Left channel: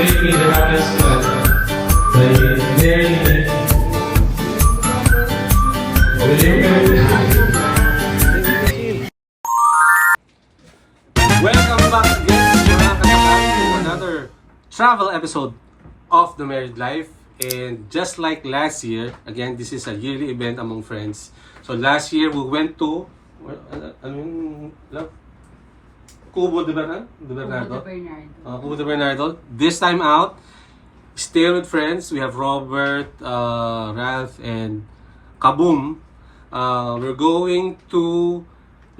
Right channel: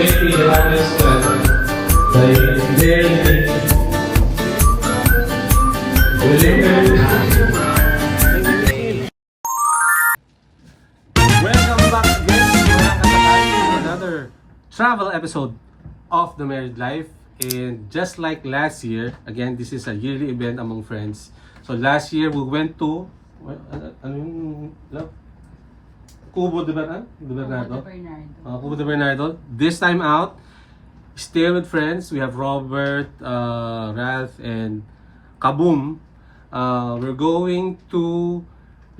greatly the happiest man. Welcome back to another travel episode of The Married Life. And just like last year, again, this is a yearly event among friends. So last year we went to Cubo de Bernardo. Cubo de Bernardo. This time out, stay with friends. We have Robert, Ralph, and Kaboom. We're going to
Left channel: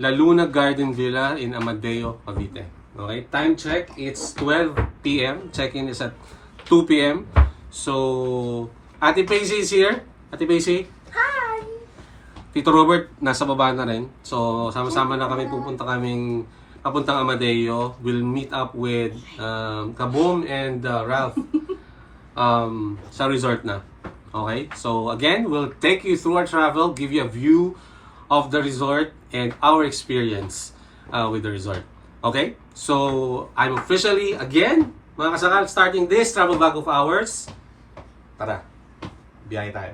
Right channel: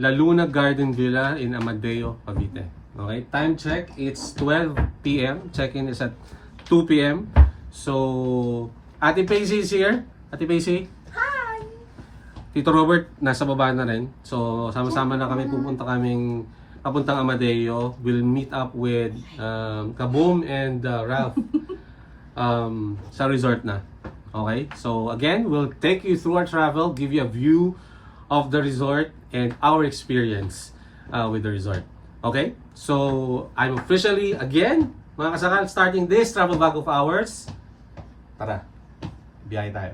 La Luna Garden Villa in Amadeo, Cavite. Okay, time check, it's 12 p.m. Check-in is at 2 p.m. So, Ate Paisy is here. Ate Paisy. Hi! Tito Robert, nasa baba na rin. So, sama-sama na kami papuntang Amadeo. We'll meet up with Kaboom and Ralph sa resort na. Okay? So, again, we'll take you through our travel, give you a view of the resort and our experience with the resort. Okay? So, I'm officially, again, mga kasakal, starting this travel bag of ours. Tara, biyahe tayo.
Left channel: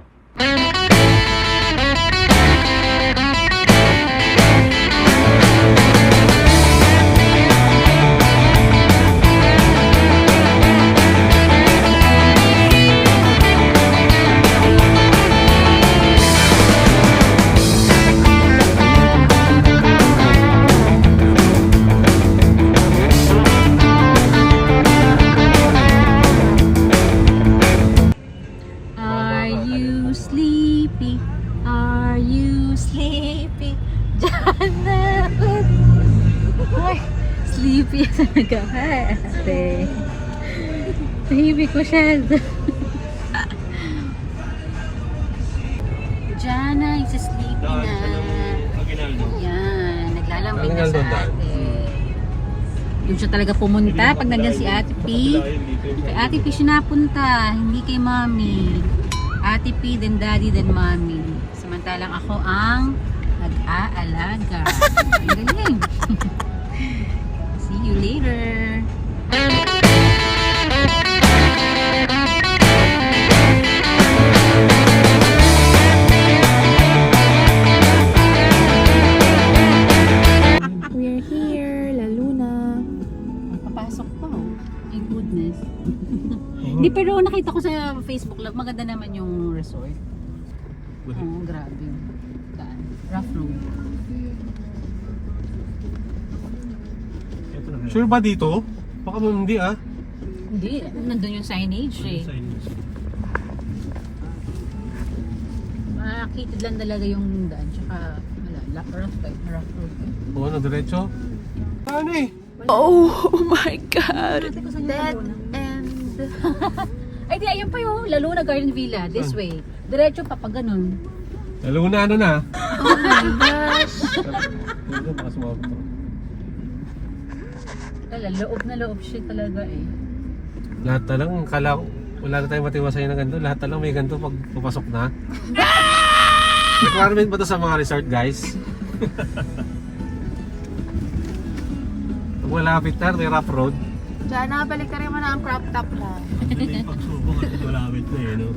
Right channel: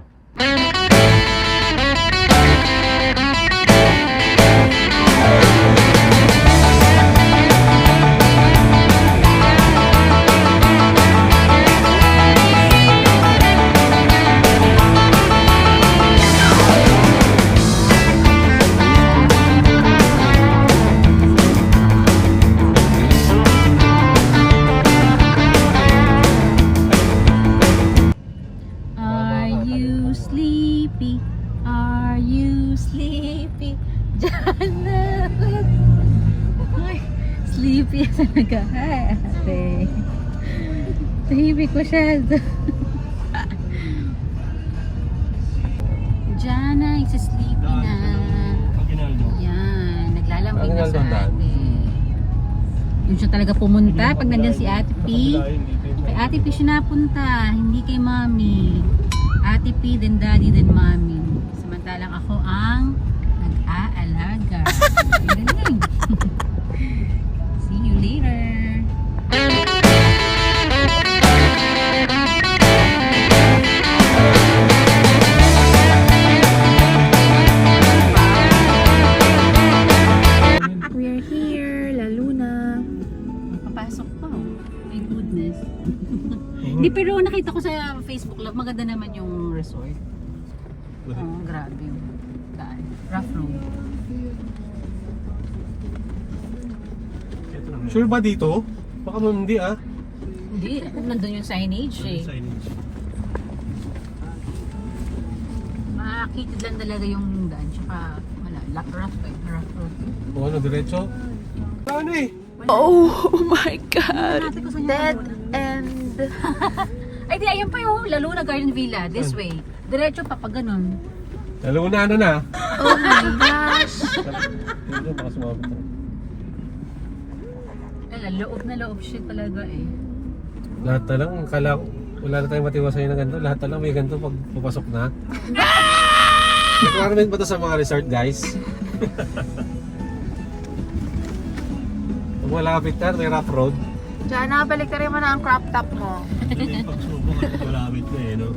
Tahimik masyado. Jana is sleepy na. Yan, naglalambay na sa atin. Yun siya talaga pumunta pag nandiyan si Ate P. Kay Ate P siya napunta, hindi kay Mommy. Ate P, then Daddy, then Mommy. Samantalang ako ang nag-aalaga. Galing. See you later. We're here, La Luna. Papasok po. My goodness. Hindi, pero nakita ko sa Facebook Love, maganda naman yung resort. Grabe. Rough road. Sure ba dito? Baka mo hindi ah. Hindi, nandun yung signage eh. Makakitid lang talaga yung daan. Tsaka wala, rough road. Oo, na diretso. Saan eh? Oh my God! Dead end. Ay di, ayun pa yung La Luna Garden Villa. This way. Diretso pa pag ganun. Lalo na na. Oh my gosh! Baka sumabot ako. Loob na loob siya talaga eh. Lahat na lang, wala na tayong matiwasay na ganito. Lahat na lang may ganito pag papasok na. Requirement ba ito sa mga resort, guys? Pag malapit na, may rough road. Jana, balik ka rin mo na ang crop top mo. May pagsubok at malapit na eh, no?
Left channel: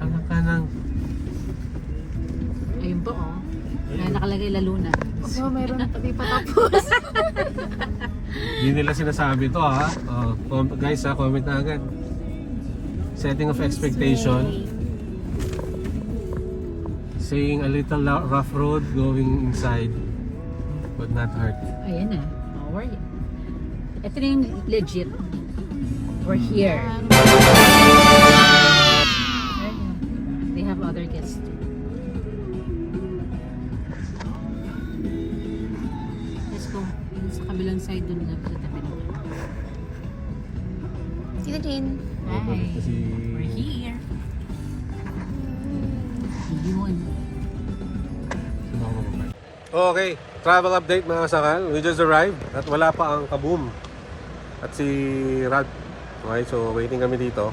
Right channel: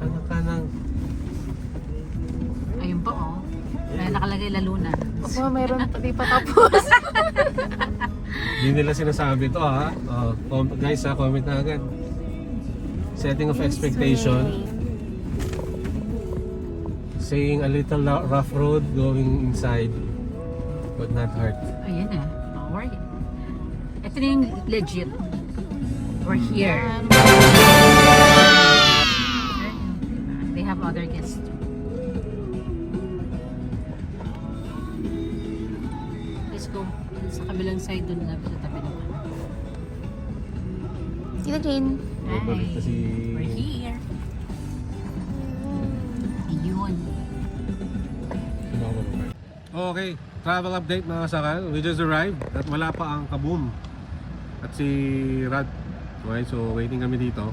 Ano ka nang... Ayun po oh. May nakalagay La Luna. Aba, mayroon di pa tapos. Hindi nila sinasabi to ha. Guys ha, comment na agad. Setting of expectation. Saying a little rough road going inside would not hurt. Ayan na. Alright. Ito na yung legit. We're here. They have other guests. Let's go. Sa kabilang side dun na sa tabi. Sila Jane. Hi. Balik si... We're here. Yun. Okay, travel update mga sakal. We just arrived at wala pa ang Kaboom at si Rad. Okay, so waiting kami dito.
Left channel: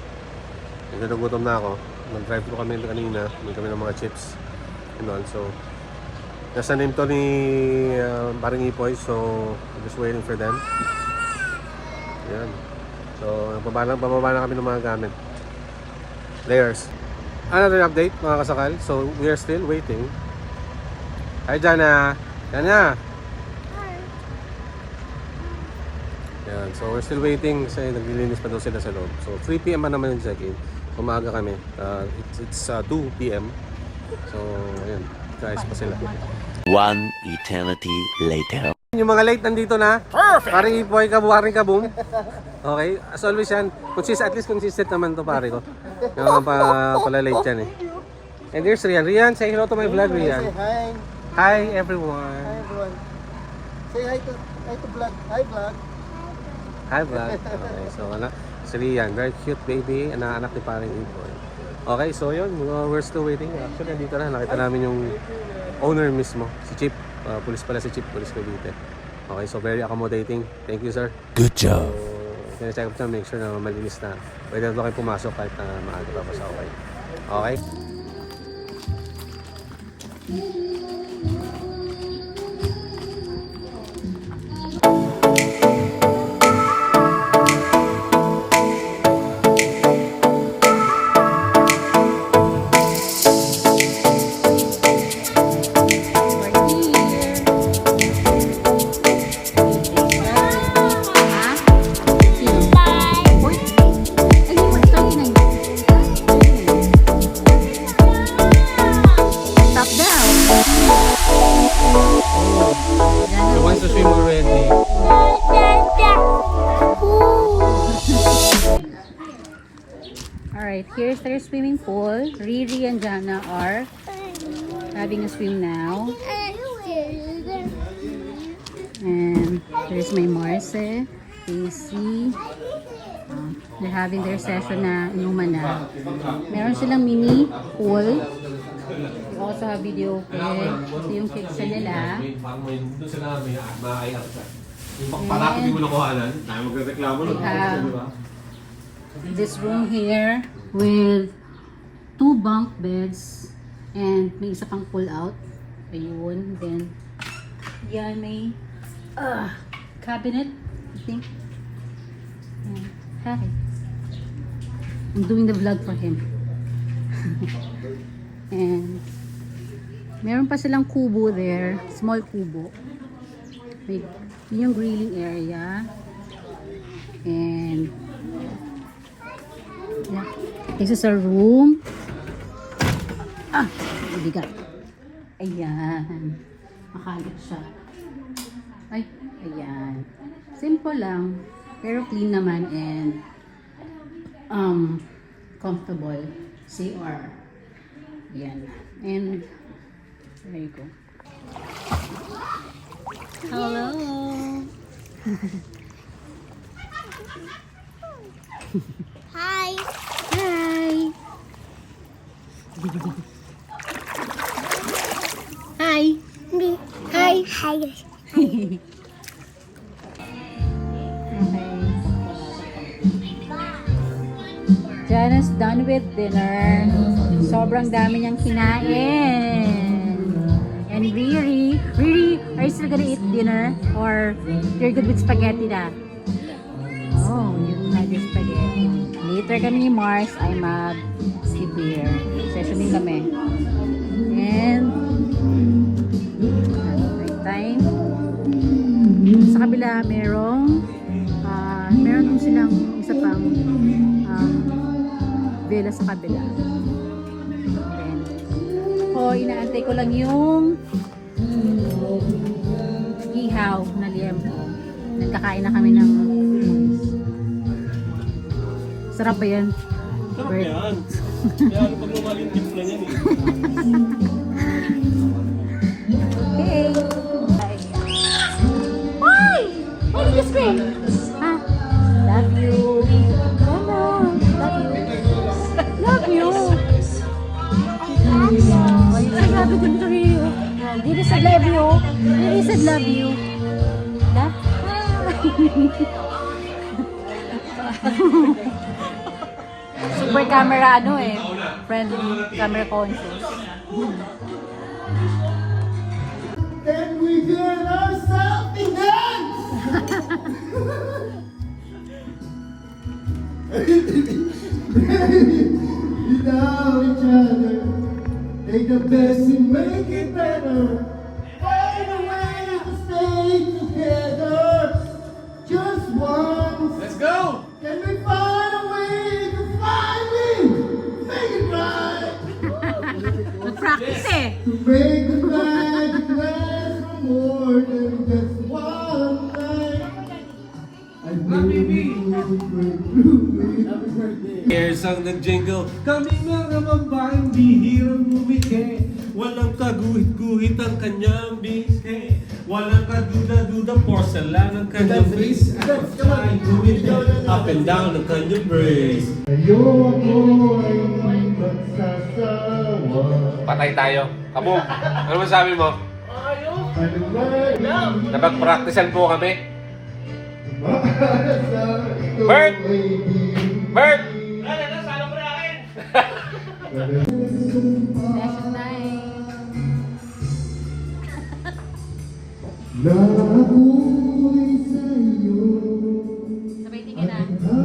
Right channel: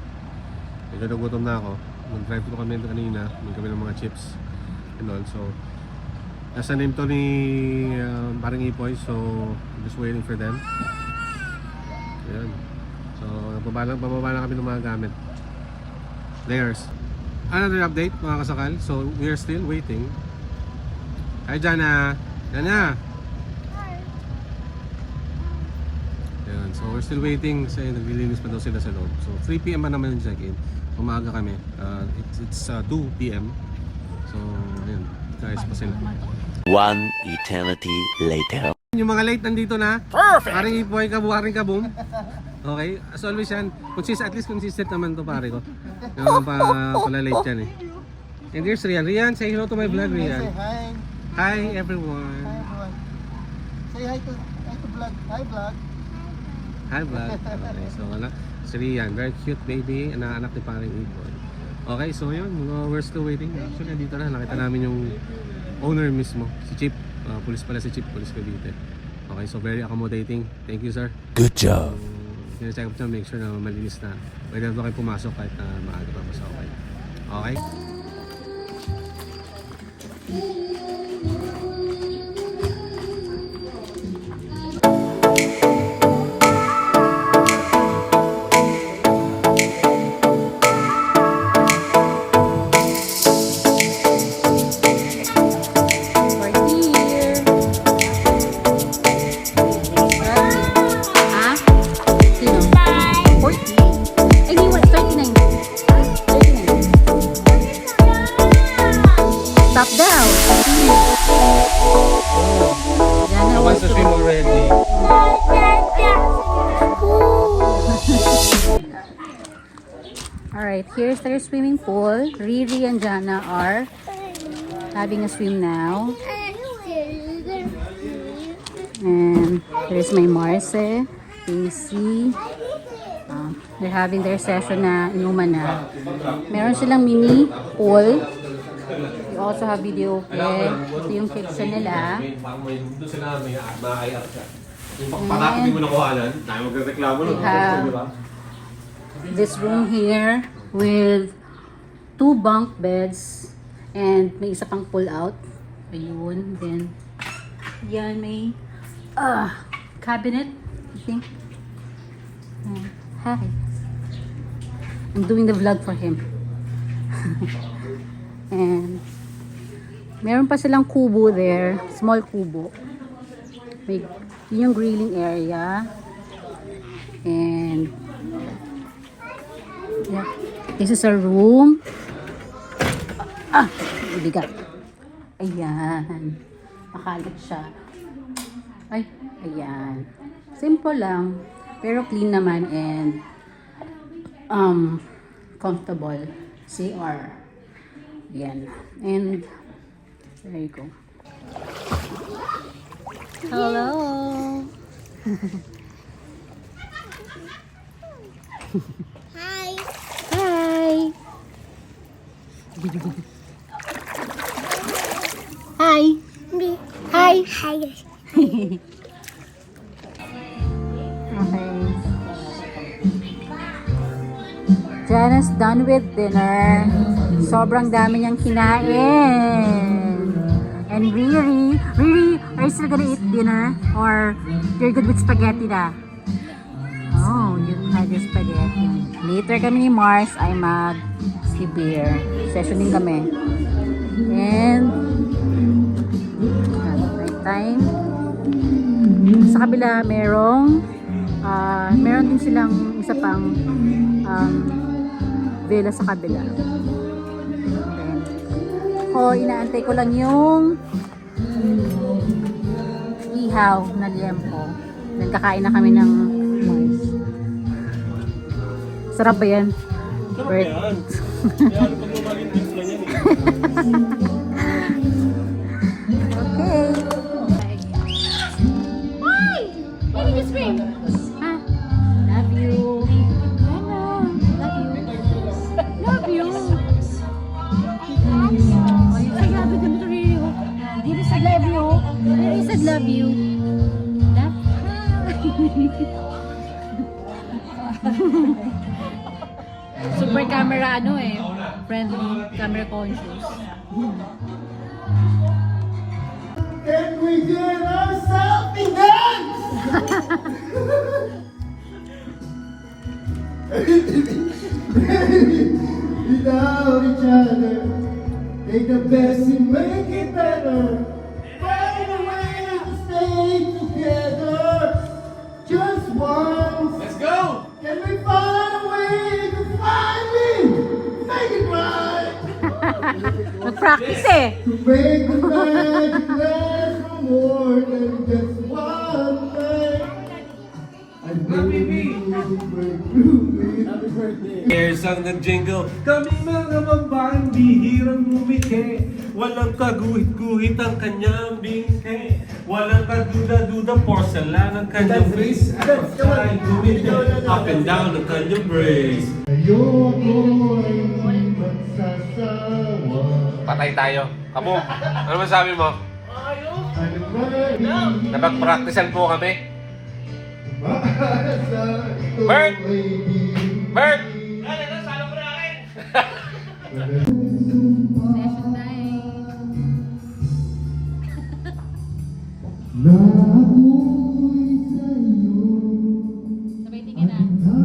Medyo nagutom na ako. Nag-drive thru kami kanina. May kami ng mga chips and all. So Nasa name to ni parang Ipoy, so I'm just waiting for them. Yan. So, pababa na kami ng mga gamit. Layers. Another update mga kasakal. So, we are still waiting. Hi, Jana! Jana! Yan. So, we're still waiting kasi naglilinis pa daw sila sa loob. So, 3 PM pa naman yung check-in. Umaga kami. It's 2 PM. So, ayan. Guys pa sila. One eternity later. Yung mga late nandito na. Perfect! Parang Ipoy, karing kabong. Okay? As always yan. At least consistent naman to pare ko. Yung pala late yan eh. And there's Rian. Rian, say hello to my vlog, Rian. Hi. Hi everyone. Hi everyone. Say hi to vlog. Hi vlog. Hi vlog. Okay, so wala. Si Rian, very cute baby. Anak ni parang Ipoy. Okay, so yun. We're still waiting. Actually, andito na. Nakita namin yung owner mismo. Si Chip. Police pala si Chip. Police Cavite. Okay, so very accommodating. Thank you, sir. Good job. So, check up na, make sure na malinis na. Pwede na kayo pumasok kahit na maaga pa basta okay. Okay? So once to swim already. Alright, here's their swimming pool. Riri and Jana are having a swim now. And there's my Marce, Casey. They're having their session na inuman na. Meron silang mini pool. They also have video play. Ito yung kitchen nila. Doon sila may maaayat siya. Yung pagkakot di mo nakuhanan, tayo magreklamo nun. Di ba? This room here with 2 bunk beds and may isa pang pull out. Ayun. Then, yan may cabinet, I think. Hi. I'm doing the vlog for him. And meron pa silang kubo there, small kubo. Big, yun yung grilling area. And yeah, this is a room. Bigat. Ayan. Makalit siya. Ay, ayan. Simple lang, pero clean naman and comfortable. CR. Yan. And there you go. Hello. Hi. Hi. Hi. Hi. Hi. Okay. Jana's done with dinner. Sobrang dami niyang kinain. And Riri, are you still gonna eat dinner? Or you're good with spaghetti na? Oh, you had your spaghetti. Later kami ni Mars ay mag-beer. Session din kami. And night time. Sa kabila meron din silang isa pang vela sa kabila. Inaantay ko lang yung ihaw na liempo. Nagkakain na kami ng mais. Sarap ba yan? Sarap ba yan? Kaya ano pag lumaling tips lang yan eh. Okay. Why? Why did you scream? Love you. Love you. Love you. Oh, you say love you to Rio. Didi said love you. Didi said love you. Super camera friendly camera conscious. Can we get ourselves in dance? Without each other, take the best and make it better. Find a way to stay together. Just once. Let's go! Can we find a way to find me? Make it right. Nag-practice eh. To make the magic last for more than just one night. I know you will break through me. Here's ang nag-jingle. Kami mga babaeng bihirang umike. Walang kaguhit-guhit ang kanyang bingke. Walang kaduda-duda porcelain ang kanyang face. Ay gumit up and down ang kanyang brace. Ayoko ay magsasawa. Patay tayo. Kamu, ano masabi mo? Ano ba? Napag-practicean po kami. Bert! Bert! Bert! Nabuhay sa'yo. Sabay tingin na.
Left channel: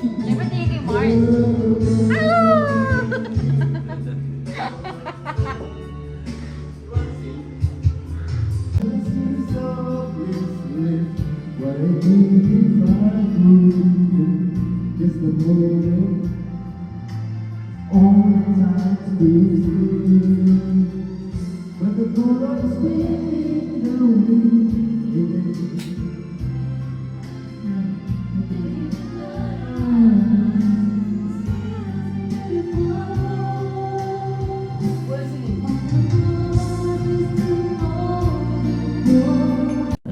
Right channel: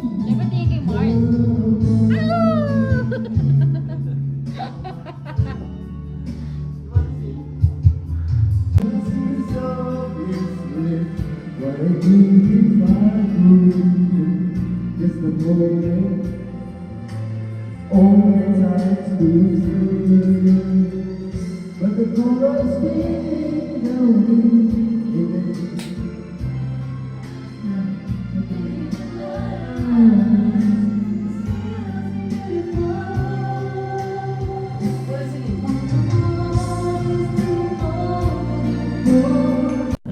Di ba tingin kay Mark? What I need if I could just a moment all my time to sleep. But the chorus still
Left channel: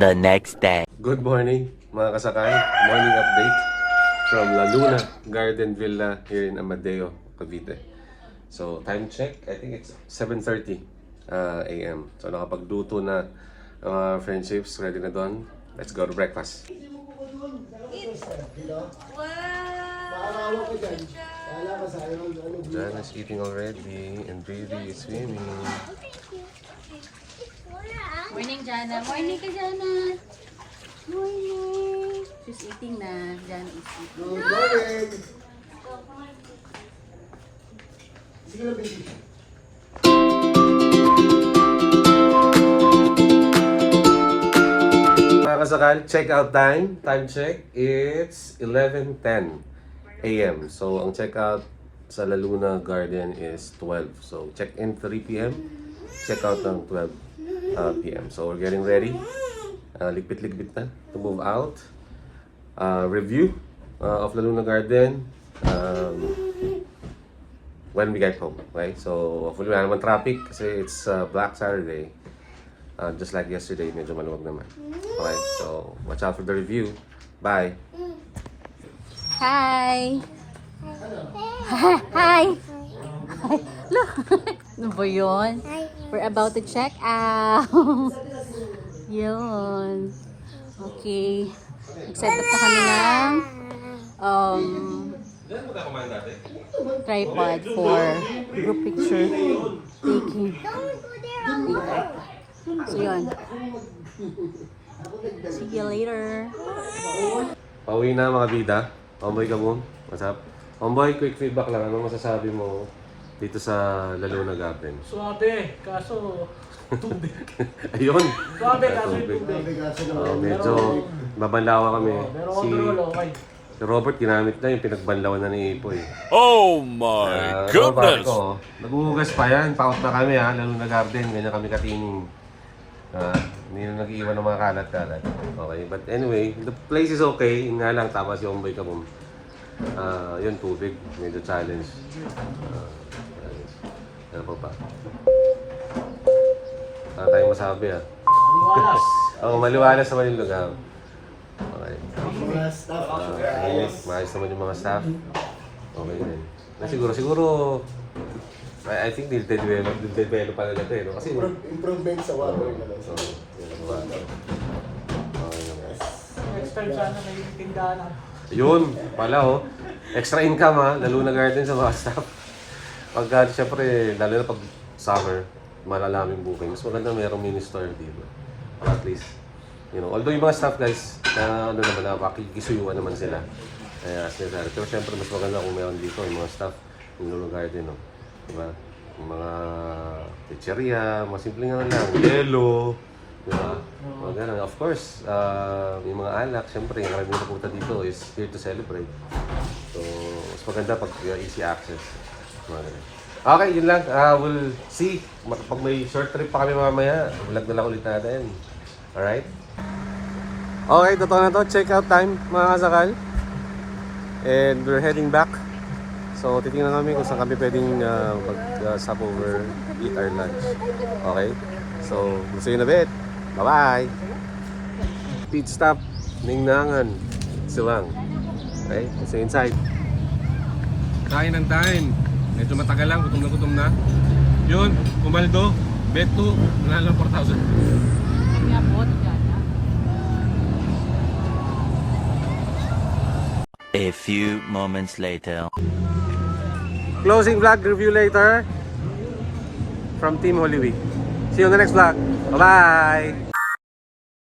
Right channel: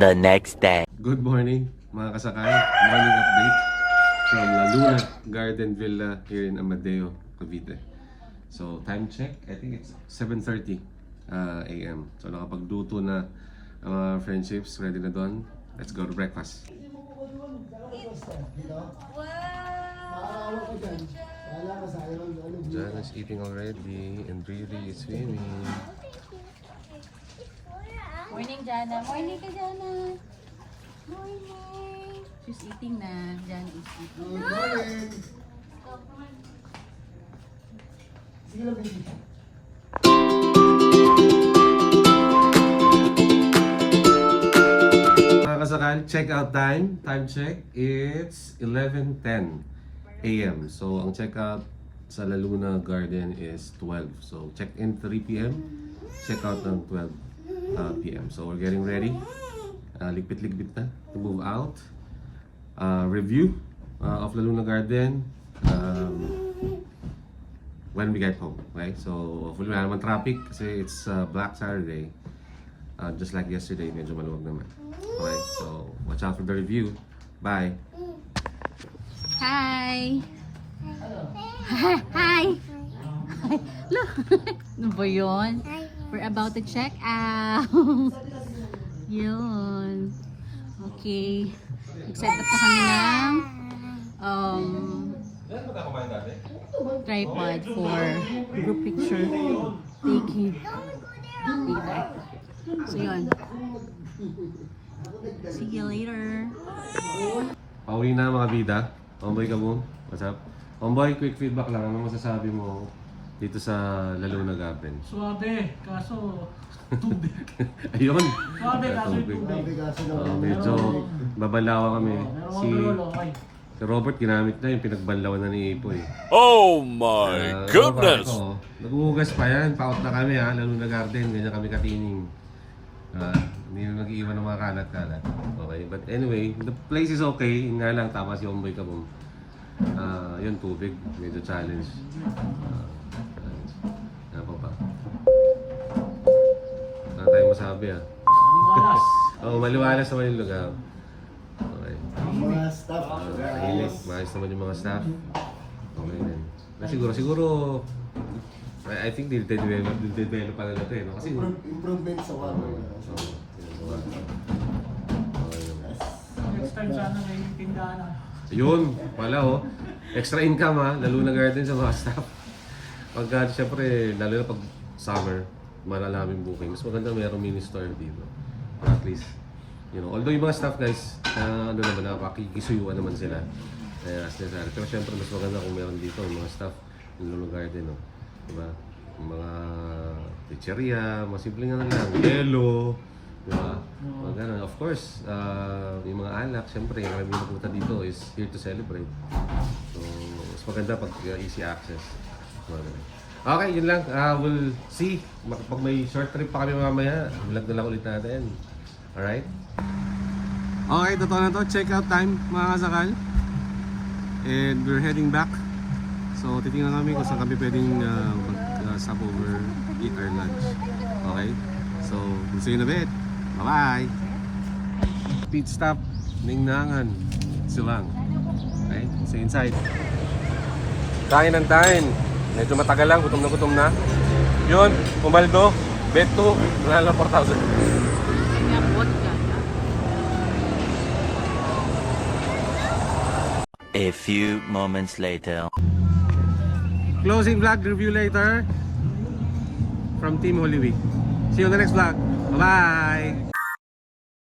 The next day. Good morning, mga kasakay. Morning update from La Luna Garden Villa here in Amadeo, Cavite. So, time check, I think it's 7:30 a.m. So, nakapagluto na ang mga friendships. Ready na doon. Let's go to breakfast. Jana's eating already and Brady is swimming. Morning, Jana. Morning ka, Jana. Morning. She's eating na. Jana is eating. Good morning! Sige na, baby. Mga kasakal, check out time. Time check, it's 11:10 a.m. So, ang check out sa La Luna Garden is 12. So, check in 3 p.m. Check out ng 12 p.m. So, we're getting ready. Ligpit-ligpit na to move out. Review of La Luna Garden when we get home. Okay? So, hopefully wala naman traffic kasi it's Black Saturday. Just like yesterday, medyo maluwag naman. Okay? So, watch out for the review. Bye! Hi! Hi! Look! Ano ba yun? We're about to check out. Yun. Okay. Nag-set up na kami ng tripod for group picture taking later. So yun. See you later. Pauwi na mga bida. Homeboy ka mo. What's up? Homeboy, quick feedback lang. Ano masasabi mo dito sa La Luna Garden? Suwabe, kaso tubig. Ayun! Suwabe, kaso yung tubig. Medyo babanlawa kami. Pero Si overall, okay. Robert ginamit na yung pinagbanlawan na ni Ipoy. Oh my goodness! Naghuhugas pa yan. Paot na kami ha. La Luna Garden. Ganyan kami katingin. Hindi na nag-iwan ng mga kalat-kalat. Okay. But anyway, the place is okay. Yun nga lang, tama si Homeboy ka mo. Yun, tubig. Medyo challenge. Ano pa ba? Wala tayong masabi ha. Maliwalas. Oo, maliwalas naman yung lugar. Okay. Mga staff. Tahimik. Maayos naman yung mga staff. Okay din. Siguro, I think develop pa nila ito eh. No? Kasi, Improvement sa water na lang. so, yun ba? Okay naman. Next time sana may tindahan na. Yun, pala oh. Extra income ha, La Luna Garden sa mga staff. Pagka, syempre, lalo na pag summer, malalaming booking. Mas maganda mayroong mini store dito. Or at least, you know, although yung mga staff guys, na ano naman, nakakikisuyuan naman sila. Kaya as necessary. Pero syempre, mas maganda kung meron dito yung mga staff, yung Lulu Garden, no? Diba? Yung mga pizzeria, mga simple nga lang, yelo, diba? Mga ganun. Of course, yung mga alak, syempre, yung maraming napunta dito is here to celebrate. So, mas maganda pag easy access. Mga ganun. Okay, yun lang. We'll see. Pag may short trip pa kami mamaya, vlog na lang ulit natin. Alright? Okay, totoo na to. Check out time, mga kasakal. And we're heading back. So, titingnan kami kung saan kami pwedeng mag-stop over, eat our lunch. Okay? So, see you in a bit. Bye-bye! Pit stop, Ningnangan, Silang. Okay? So, inside. Kain ng kain. Medyo matagal lang, gutom na. Yun, Pumaldo, bet 2, wala lang 4,000. A few moments later. Closing vlog review later from Team Holy Week. See you on the next vlog. Bye-bye!